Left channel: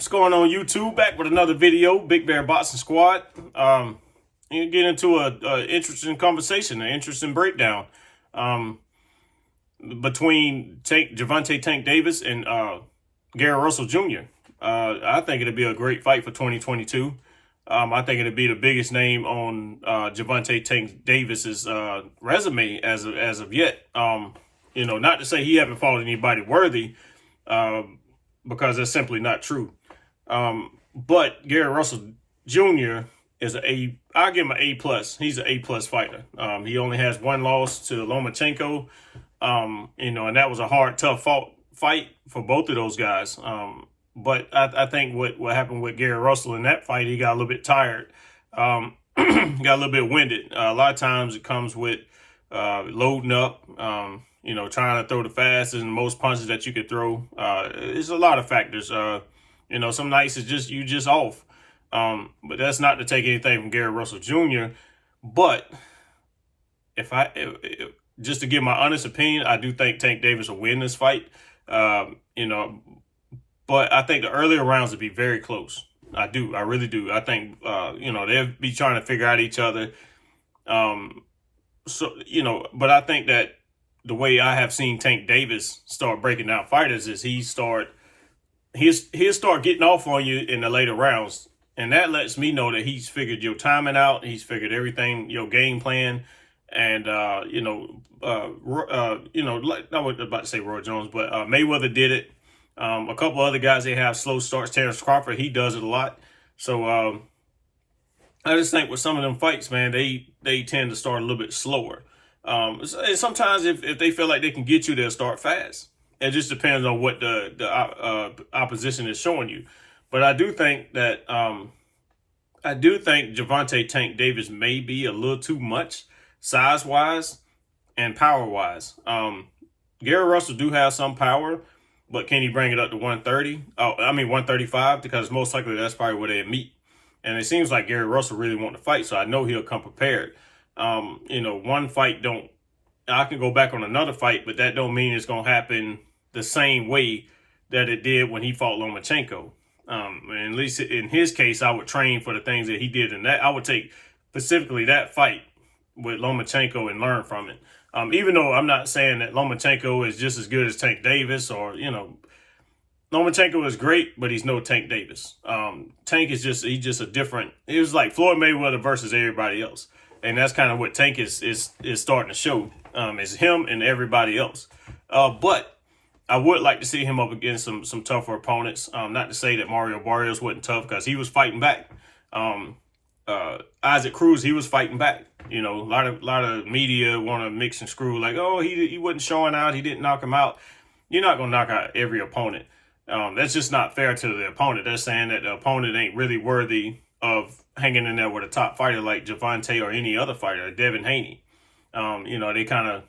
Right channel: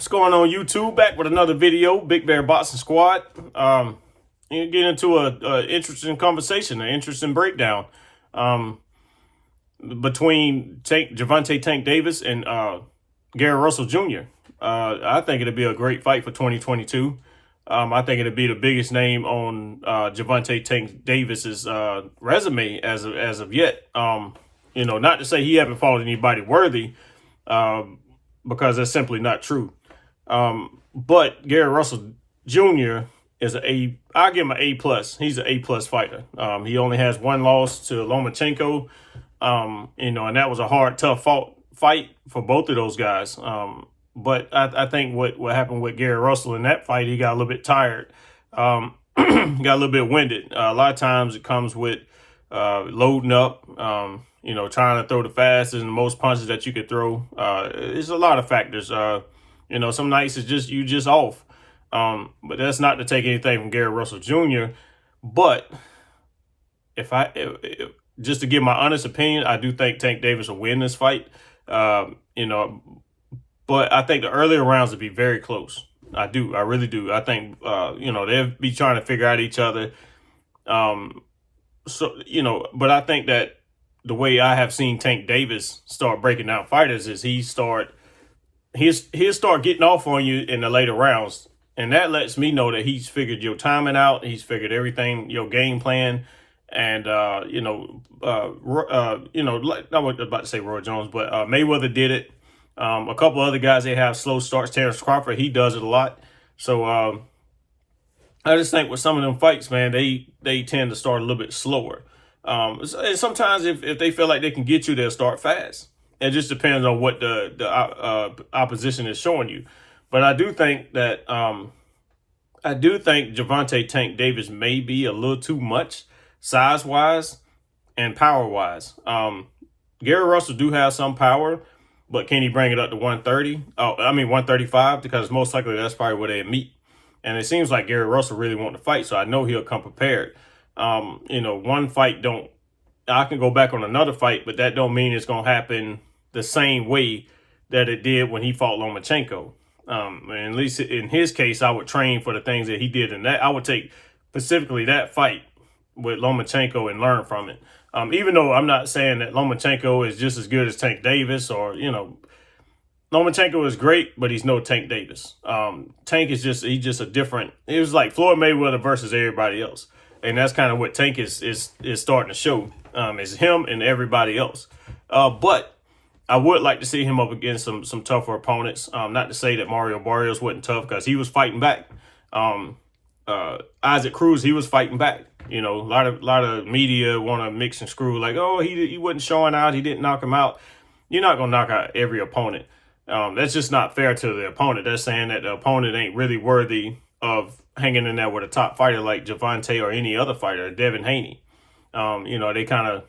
What's going on, YouTube? Back with another video, Big Bear Boxing Squad. You get into a interesting conversation, an interesting breakdown between Gervonta Tank Davis and Gary Russell Jr. I think it'd be a great fight for 2022. I think it'd be the biggest name on Gervonta Tank Davis's resume as of yet. Not to say he haven't fought anybody worthy, because that's simply not true. But Gary Russell Jr. is I'll give him an A+. He's an A+ fighter. He only has one loss to Lomachenko, and that was a hard, tough fight for both of those guys. But I think what happened with Gary Russell in that fight, he got a little bit tired, got a little bit winded. A lot of times it comes with loading up, trying to throw the fastest and the most punches that you could throw. There's a lot of factors. Some nights it's you just off. But that's not to take anything from Gary Russell Jr. But if just to give my honest opinion, I do think Tank Davis will win this fight. But I think the earlier rounds will be very close. I really do. I think, they'll be trying to figure out each other. But I think that the way I have seen Tank Davis start breaking down fighters is he'll start getting off on you in the later rounds. And that lets me know that he's figured your timing out. He's figured everything, your game plan. And, I was about to say Roy Jones, but Mayweather did it. A couple other guys, they have slow starts. Terrence Crawford, he does it a lot. So I just think with some of them fights, man, they tend to start a little bit slower. And sometimes if they feel like they can get you, they'll start fast. It just depends on what the opposition is showing you. But I do think that Gervonta Tank Davis may be a little too much size-wise and power-wise. Gary Russell do have some power, but can he bring it up to 130? 135, because most likely that's probably where they meet. And it seems like Gary Russell really wants to fight, so I know he'll come prepared. One fight I can go back on another fight, but that don't mean it's going to happen the same way that it did when he fought Lomachenko. And at least in his case, I would train for the things that he did in that. I would take specifically that fight with Lomachenko and learn from it. Even though I'm not saying that Lomachenko is just as good as Tank Davis Lomachenko is great, but he's no Tank Davis. Tank is he's just a different, it was like Floyd Mayweather versus everybody else. And that's kind of what Tank is starting to show, is him and everybody else. But I would like to see him up against some tougher opponents. Not to say that Mario Barrios wasn't tough, because he was fighting back. Isaac Cruz, he was fighting back. A lot of media want to mix and screw, like, oh, he wasn't showing out, he didn't knock him out. You're not going to knock out every opponent. That's just not fair to the opponent. That's saying that the opponent ain't really worthy of hanging in there with a top fighter like Gervonta or any other fighter, Devin Haney. They kind of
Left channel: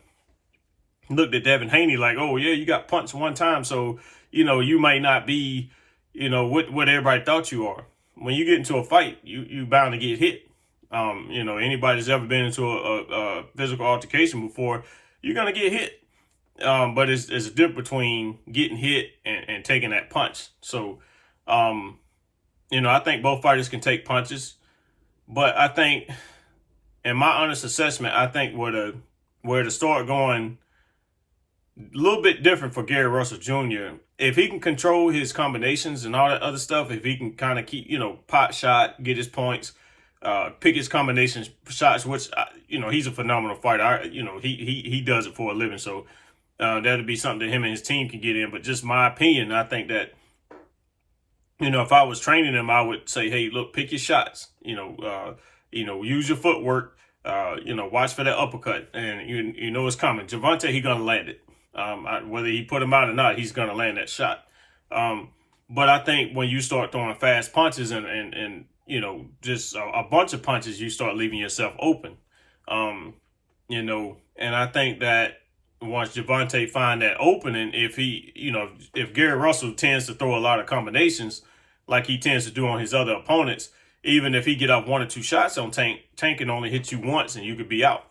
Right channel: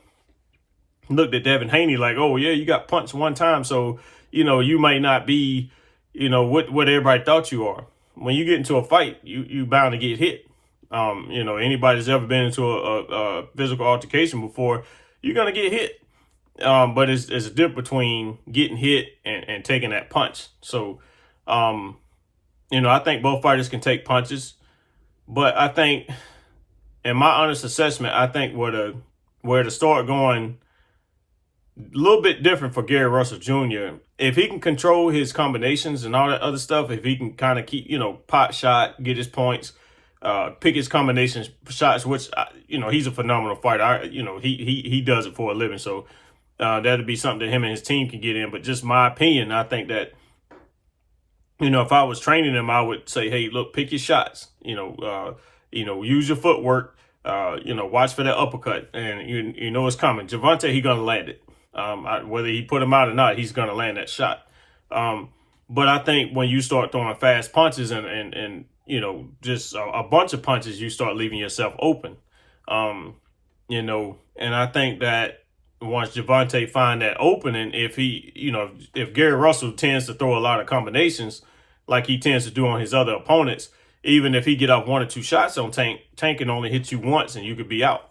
looked at Devin Haney like, oh, yeah, you got punched one time, so, you might not be, what everybody thought you are. When you get into a fight, you bound to get hit. Anybody that's ever been into a physical altercation before, you're going to get hit. But it's a difference between getting hit and taking that punch. So, I think both fighters can take punches. But I think, in my honest assessment, I think where to start going a little bit different for Gary Russell Jr. If he can control his combinations and all that other stuff, if he can kind of keep, pot shot, get his points, pick his combinations shots, which, he's a phenomenal fighter. He does it for a living. So that'd be something that him and his team can get in. But just my opinion, I think that, if I was training him, I would say, hey, look, pick your shots, use your footwork, watch for that uppercut, and it's coming. Gervonta, he going to land it. Whether he put him out or not, he's going to land that shot. But I think when you start throwing fast punches and just a bunch of punches, you start leaving yourself open. And I think that once Gervonta find that opening, if Gary Russell tends to throw a lot of combinations like he tends to do on his other opponents, even if he get up one or two shots on Tank can only hit you once and you could be out.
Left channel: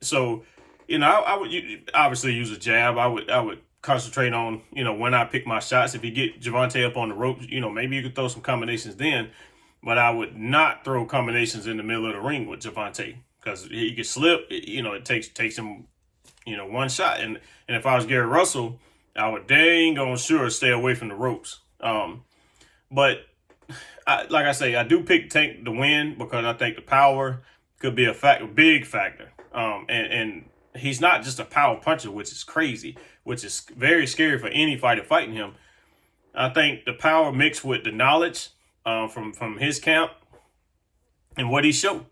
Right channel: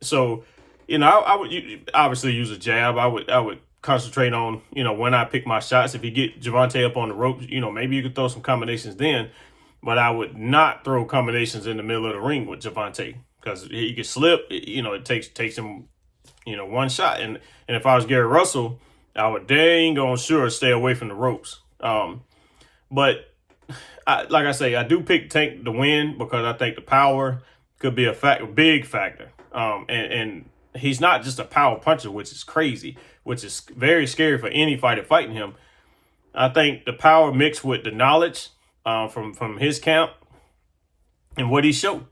So, I would obviously use a jab. I would concentrate on, when I pick my shots. If you get Gervonta up on the ropes, maybe you could throw some combinations then. But I would not throw combinations in the middle of the ring with Gervonta because he could slip. It takes him, one shot. And if I was Gary Russell, I would dang on sure stay away from the ropes. But like I say, I do pick Tank to win because I think the power could be a big factor. And he's not just a power puncher, which is crazy, which is very scary for any fighter fighting him. I think the power mixed with the knowledge from his camp and what he showed.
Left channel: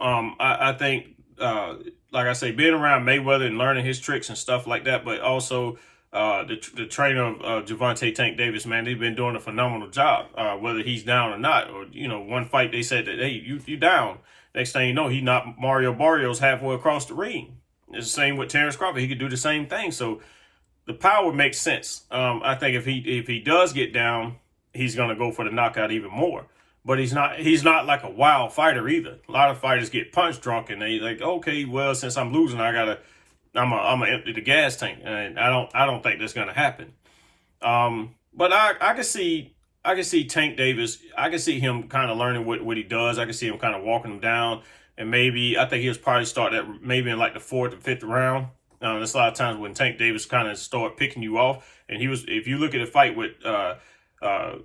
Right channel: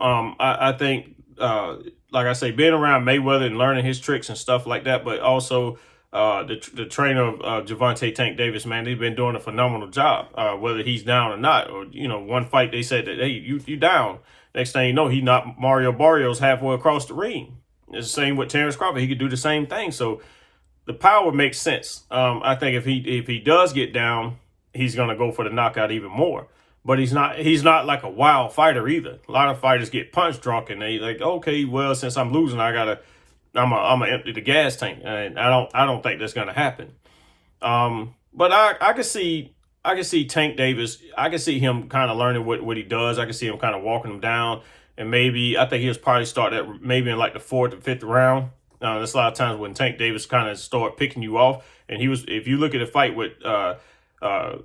I think, like I say, being around Mayweather and learning his tricks and stuff like that, but also the trainer of Gervonta Tank Davis, man, they've been doing a phenomenal job, whether he's down or not. Or, one fight they said that, hey, you down. Next thing you know, he knocked Mario Barrios halfway across the ring. It's the same with Terrence Crawford. He could do the same thing. So the power makes sense. I think if he does get down, he's going to go for the knockout even more. But he's not like a wild fighter either. A lot of fighters get punch drunk and they like, okay, well, since I'm losing, I'm gonna empty the gas tank. And I don't think that's gonna happen. But I can see Tank Davis. I can see him kind of learning what he does. I can see him kind of walking him down. And maybe, I think he'll probably start that maybe in like the 4th or 5th round. There's a lot of times when Tank Davis kind of start picking you off. And if you look at the fight with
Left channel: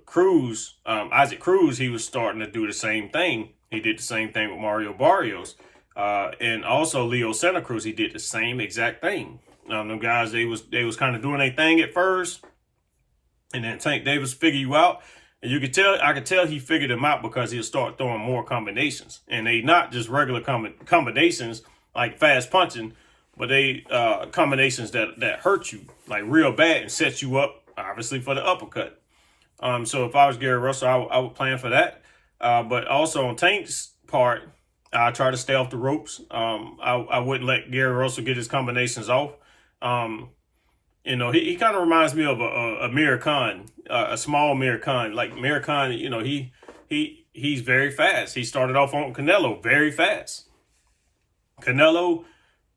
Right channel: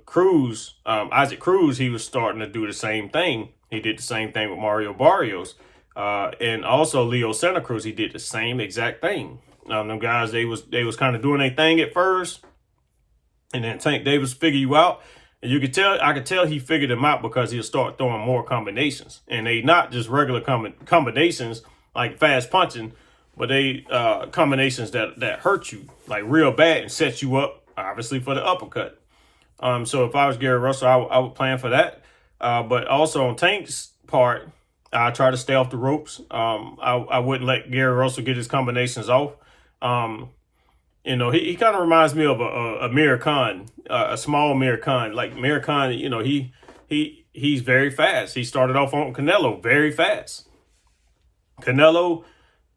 Cruz, Isaac Cruz, he was starting to do the same thing. He did the same thing with Mario Barrios. And also Leo Santa Cruz, he did the same exact thing. Them guys, they was kind of doing their thing at first. And then Tank Davis figure you out. And I could tell he figured them out because he'll start throwing more combinations. And they not just regular combinations like fast punching, but they combinations that hurt you like real bad and set you up, obviously, for the uppercut. So if I was Gary Russell, I would plan for that. But also on Tank's part, I try to stay off the ropes. I wouldn't let Gary Russell get his combinations off. He kind of reminds me of a Amir Khan, a small Amir Khan. Like Amir Khan, he's very fast. He started off on Canelo very fast. Canelo,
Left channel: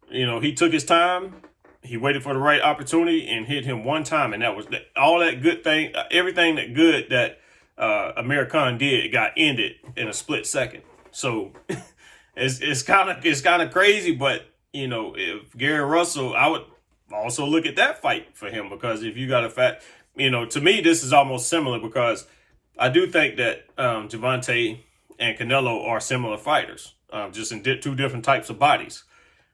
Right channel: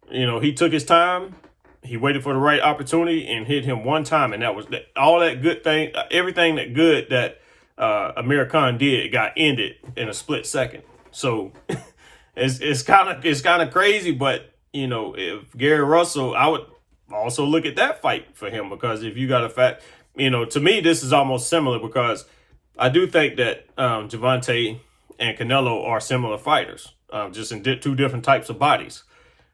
he took his time. He waited for the right opportunity and hit him one time. And that was all that good thing, everything that good that Amir Khan did got ended in a split second. So it's kind of crazy. But, if Gary Russell, I would also look at that fight for him, because if you got to me, this is almost similar because I do think that Gervonta and Canelo are similar fighters, just in two different types of bodies.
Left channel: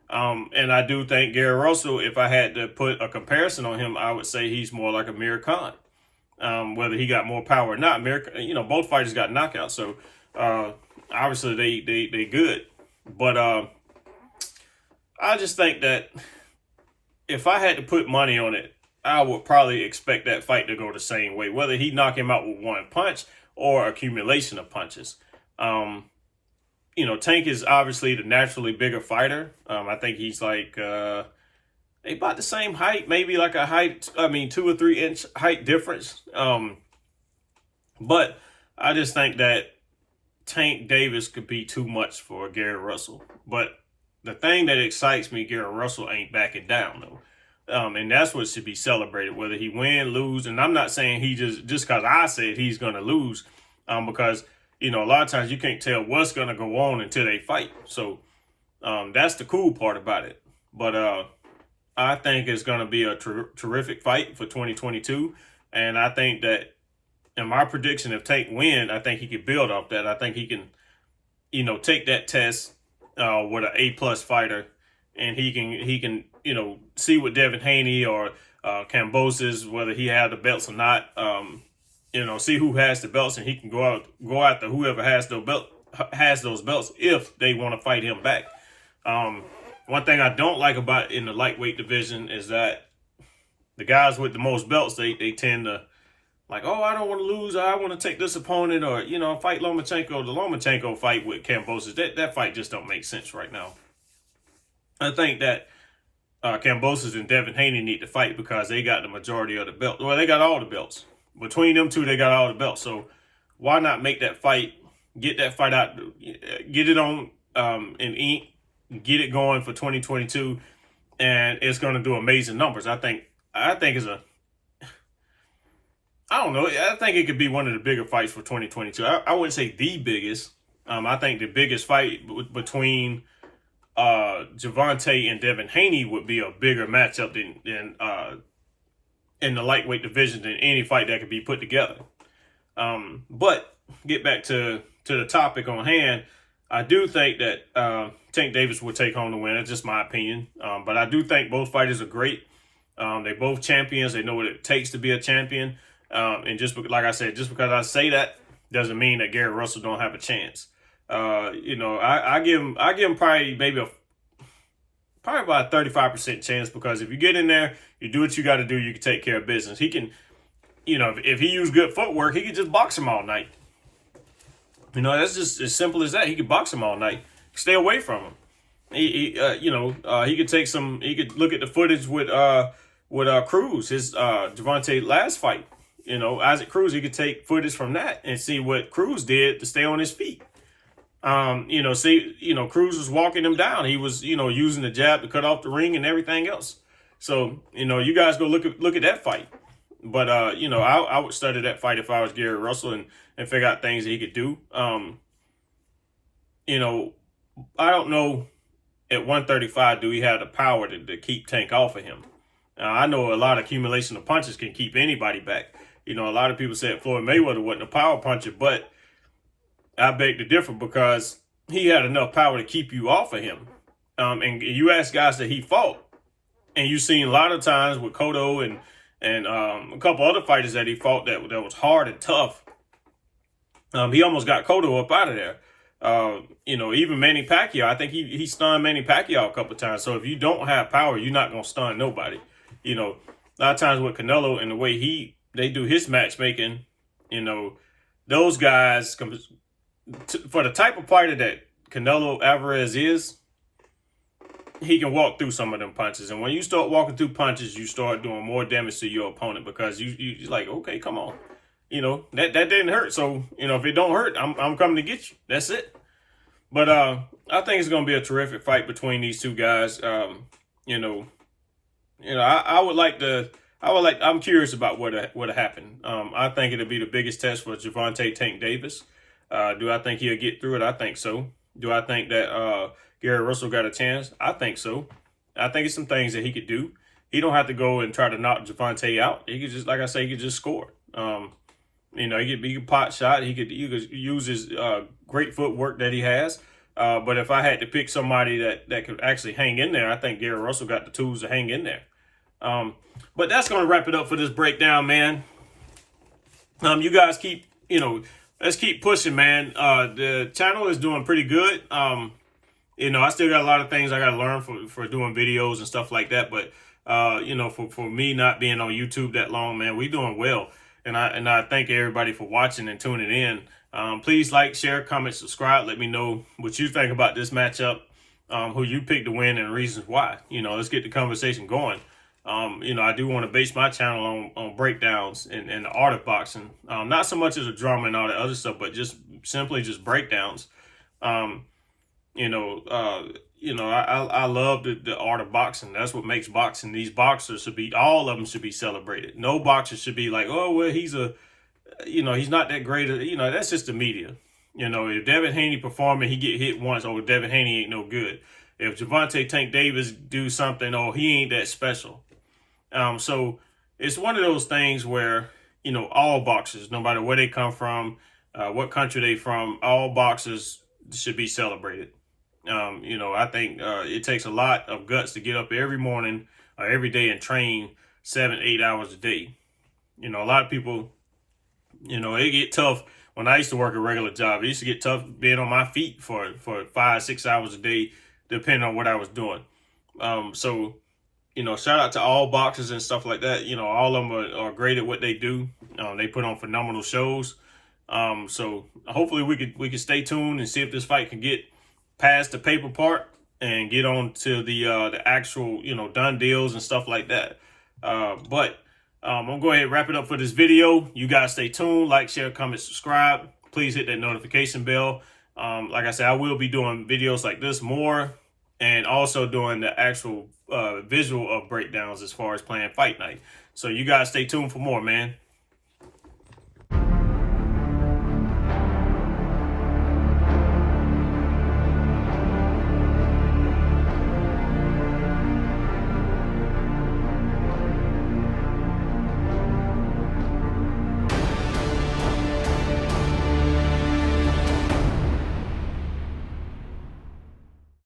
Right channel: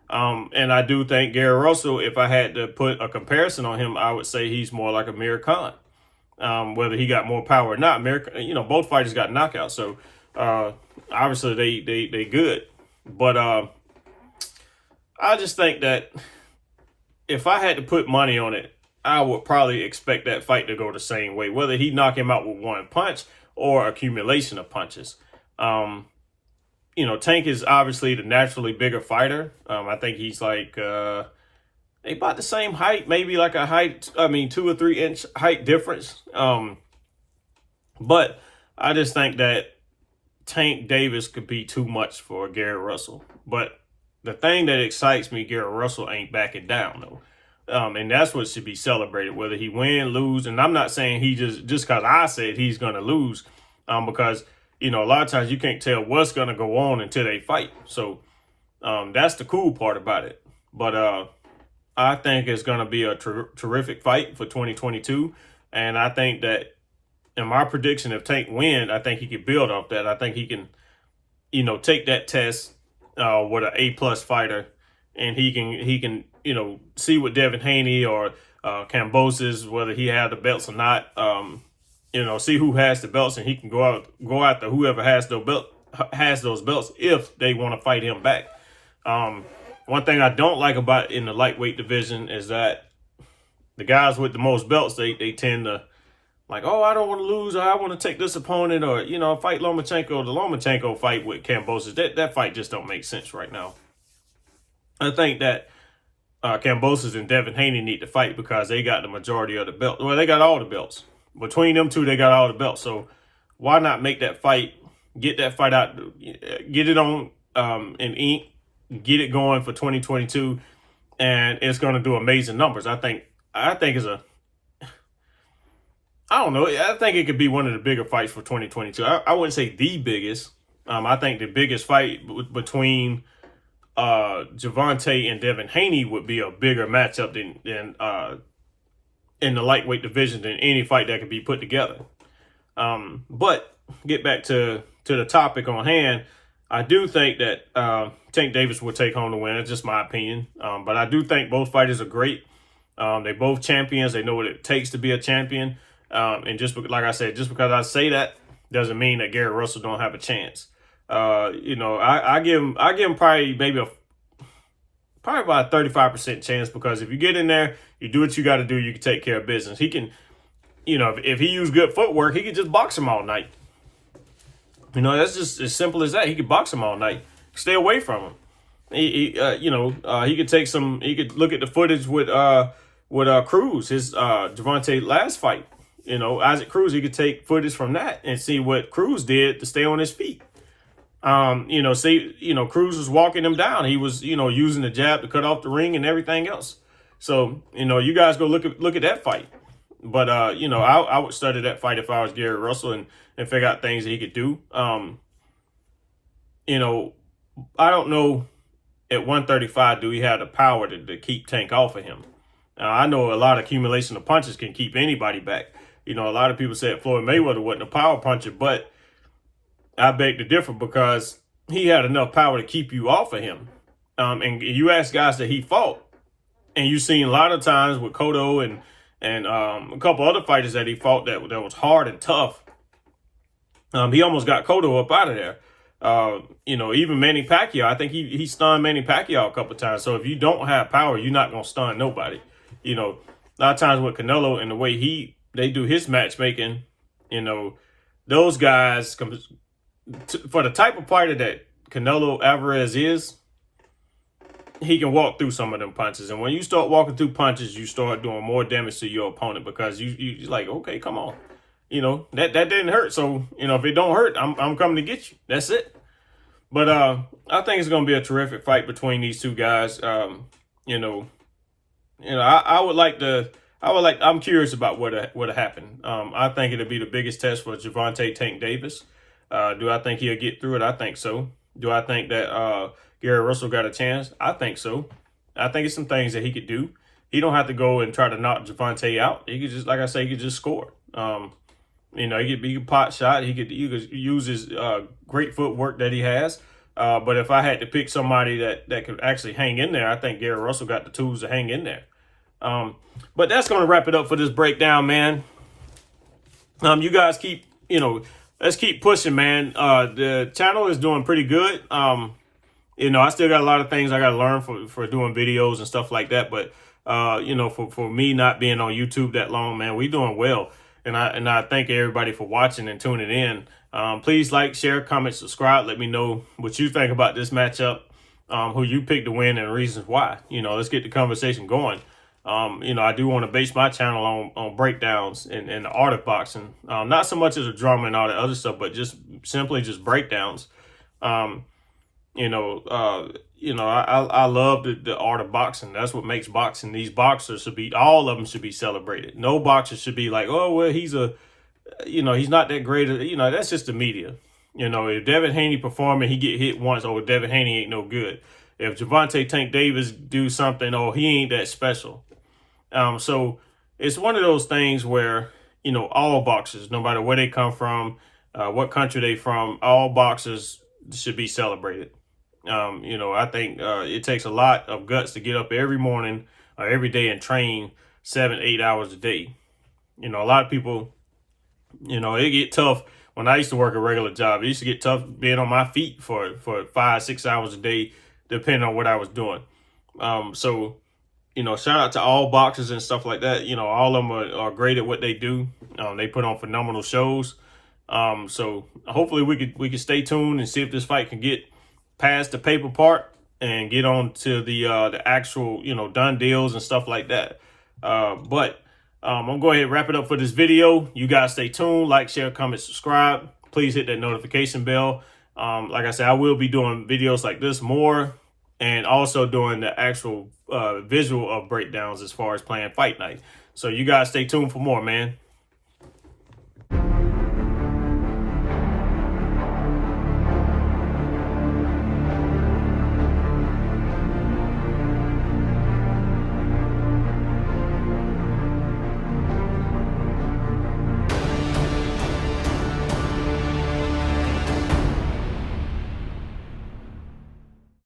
And I do think Gary Russell, if I had to put a comparison on him, I would say he's more like Amir Khan. Whether he got more power or not, both fighters got knockouts. So obviously they good. But I just think that if I had to put money on it, I would probably expect that fight to go the same way, whether he knock him out with one punch or accumulation of punches. Tank is obviously the naturally bigger fighter. I think he's like they about the same height, maybe like 2 or 3 inch height difference. But I just think that Tank Davis could be too much for Gary Russell. But the thing that excites me, Gary Russell ain't backing down though. And that's what should be celebrated, whether he win, lose. And I'm not saying he just because I said he's going to lose, because a lot of times you can't tell what's going to go on until they fight. So that's the cool part about it. But I think it's going to be a terrific fight for 2022. And I think that in my prediction, if Tank win, I think he can build off that. I think he can, take that test with an A+ fighter, and he can see what Devin Haney or Kambosos, whether he had the belts or not. See who has the belts, and he can go after whoever has those belts if they want to fight him back. One thing I don't like about in the lightweight division is that the guys with the most belts, they tend to like, oh, I don't want to lose. I want to take this opponent, or fight Lomachenko. The Lomachenko fight with Kambosos, that fight just don't make sense right now. I think that Kambosos and Devin Haney need to fight because they got the majority of the belts. Well, they got all the belts. Between them two, they got all the belts. So why not make that fight, get that fight out, get it on in ink, get it going for 2022, and it's going to do amazing numbers. I think I think I don't know. I think it could be one of the bigger fights for 2022. I wouldn't say the biggest. I think the biggest fight between Gervonta and Devin Haney would be a bigger matchup than in the lightweight division than any fight that could be put together. But get back to the topic on hand. I do think that Tank Davis will take home the win. That's just my opinion. But I do think both fighters are great. They both champions. They know what it takes to be a champion. And just like I said, just because I say that doesn't mean that Gary Russell don't have a chance. I give him probably about a 35% chance, because if you get in there, you do what you got to do, you can take care of business. He can, if he used good footwork, he could just box him all night. That's just as simple as that. He could box him all night. Stay away from him. He could take some. He could look at the footage with Cruz, his Gervonta last fight. Isaac Cruz, he could take footage from that and see what Cruz did to stay on his feet. Cruz was walking him down. He was, using the jab to cut off the ring and everything else. So, you guys go look at that fight. But, I would study that fight if I was Gary Russell and figure out things that he could do. I don't know at 135, do he have the power to keep Tank off of him? I know a lot of accumulation of punches can keep anybody back. A lot of people said Floyd Mayweather wasn't a power puncher, but I beg to differ, because he had enough power to keep you off of him. And you ask guys that he fought, and you've seen a lot of times with Cotto and a couple other fighters that he fought that was hard and tough. He almost got Cotto up out of there. Even Manny Pacquiao, I think he stunned Manny Pacquiao a couple of times. So if you don't have power, you're not going to stun nobody. A lot of times with Canelo and the way they do his matchmaking, those guys, for the type of fighter that Canelo Alvarez is, he can walk through some of them punches. And when you start walking through punches, you start doing more damage to your opponent, because you're like, okay, come on. That didn't hurt. So, if it don't hurt, I'm coming to get you. That's it. But I think it's going to be a terrific fight between these two guys. I'm curious about what happened. I think it'll be the biggest test for Gervonta Tank Davis. Do I think he'll get through it? I think so. Do I think that Gary Russell got a chance? I think so. I think it's some things that he could do. He don't have to go and try to knock Gervonta out. He could just, like I say, he could just score. He could pot shot. He could use his great footwork that he has. But if I had to pick somebody that could actually hang in there, I think Gary Russell got the tools to hang in there. But that's going to wrap it up for this breakdown, man. You guys let's keep pushing, man. The channel is doing pretty good. I still got a lot of things I got to learn for doing videos and stuff like that. But, for me not being on YouTube that long, man, we doing well. And I thank everybody for watching and tuning in. Please like, share, comment, subscribe. Let me know what you think about this matchup, who you picked to win and reasons why. Let's get the conversation going. I do want to base my channel on breakdowns and the art of boxing. Not so much as a drama and all that other stuff, but just simply breakdowns. I love the art of boxing. That's what makes boxing. These boxers all of them should be celebrated. No boxer should be like, oh, well, he's not that great. That's just the media. If Devin Haney performing, he get hit once, oh, Devin Haney ain't no good. If Gervonta Tank Davis do something, oh, he ain't that special. So it's one of those things where, all boxers, no matter where they come from, what country they from, all boxers should be celebrated. I think it takes a lot of guts to get up every morning or every day and train 7-8 hours a day. A lot of people, it get tough. When I used to work a regular job, it used to get tough being on my feet for 5-6 hours a day, depending on what I was doing. Shout out to all boxers and stuff like that. All of them are great at what they do. They put on phenomenal shows. So hopefully we could stay tuned and see if this fight can get past the paper part and get on to the actual, done deals and stuff like that. But I'm going to go ahead and wrap it up for this video. You guys stay tuned, like, share, comment, subscribe. Please hit that notification bell. Like I said, I will be doing videos like this more. and also doing the actual visual of breakdowns as far as playing Fight Night. So you guys stay tuned for more, man.